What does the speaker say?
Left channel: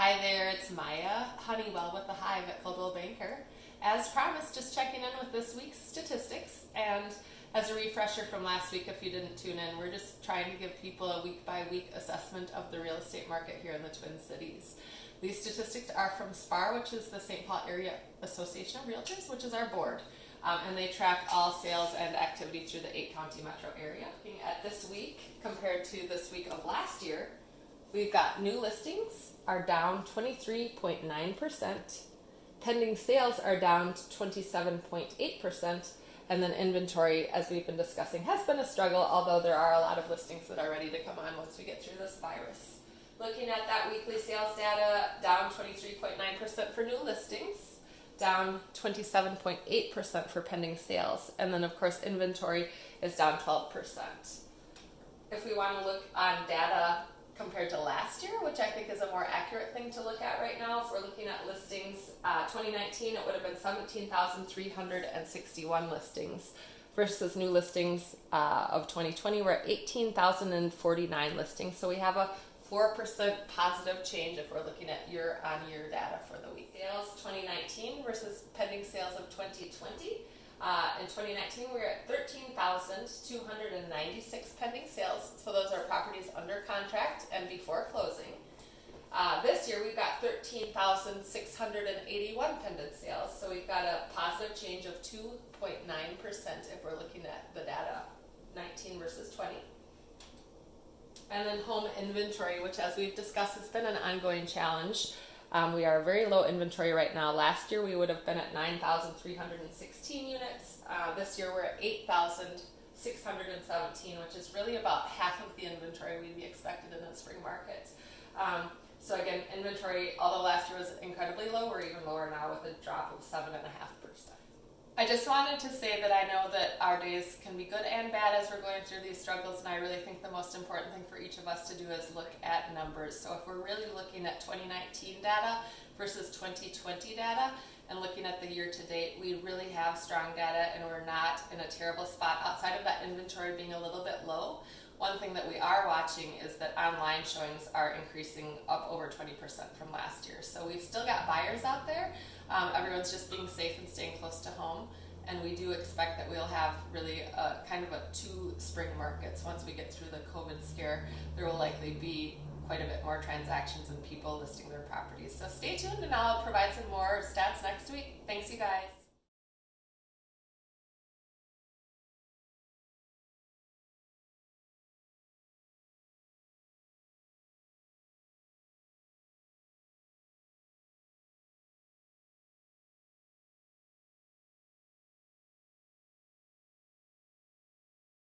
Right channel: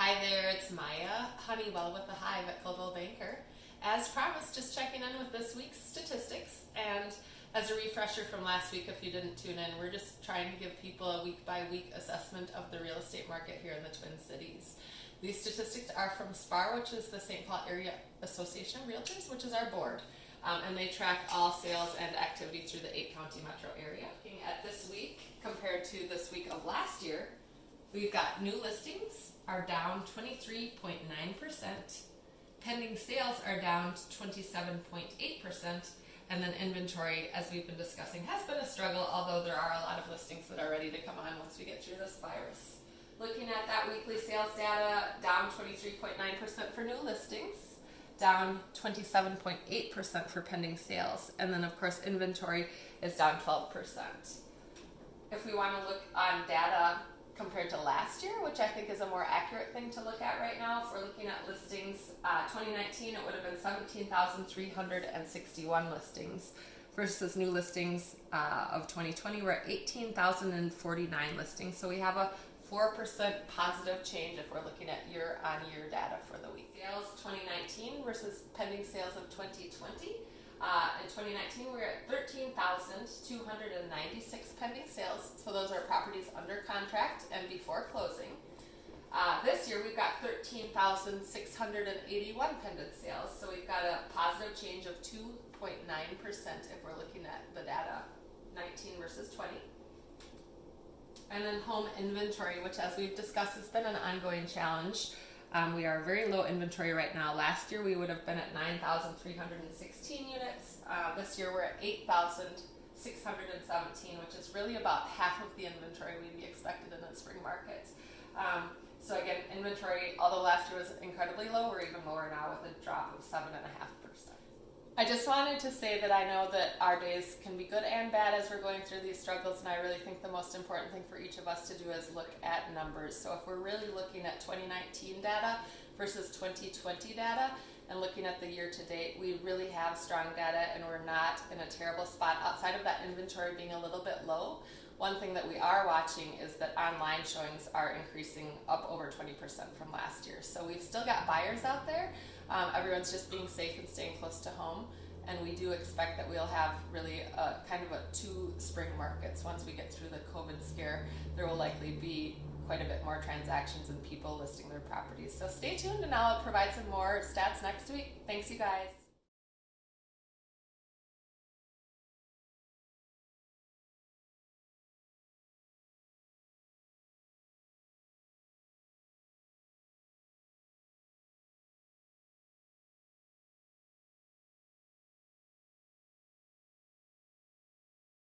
Hi there, it's Maya Honeywell with the Hive at Coldwell Banker. As promised, just checking in with this week's statistics, and as a refresher from last week, if you didn't tune in, we're just trying to give people a week-by-week assessment of the real estate market here in the Twin Cities. These statistics are from SPAR, which is the St. Paul Area Association of Realtors, which is our board, and they track all sales and activity through the 8-county metro area. Looking at this week compared to this week of last year, we've got new listings are down 23.9%, pending sales are down 27.8%, and then inventory, as we've been discussing, has been a struggle, although there are a lot of listings that are ready to come on once we get through this virus. Looking at that weekly sales data, down 23.9% for new listings, down 27.8% for pending sales, and then of course inventory is down 12%. If we want to look on data compared to last year, which I think is a more accurate thing to look at right now, if we're looking at listings, 2019 it would have been 17,361 listings versus new listings of 2020 we're at 18,049 listings. So we have a 4% positive change if we're looking at year-on-year data for the week. Sales 2019 versus pending sales of 2020. In 2019, we were at 13,296 pending sales. So those are properties under contract and before closing. This year, we've got 13,681 pending sales. So we've got a positive change of 2.9% if we're looking at the data 19 versus 20. And then home inventory, which as we've discussed has been an ongoing challenge. We are very low inventory right now. Last year we would have been at 9,316 units. This year we're at 8,617, which is really about half of the inventory we'd be expected in the spring market. So again, inventory, although last year was incredibly low, we're even lower now with a drop of 7.5%. I just wanted to say that I know that our days can be good and bad as we're going through these struggles, and I really think the most important thing for each of us to do is look at numbers. So if we're really looking at 2019 data versus 2020 data and looking at the year to date, we really have strong data and we're not in a terrible spot outside of that inventory being a little bit low. One thing that we are watching is that online showings are increasing up over 20% from last year. So we've still got buyers out there. Everyone's just being safe and staying close to home. And we do expect that we'll have really kind of a 2 spring markets. Once we get through the COVID scare, there will likely be quite a bit more transactions and people listing their properties. So stay tuned and I'll provide some more stats next week. Thanks, you guys.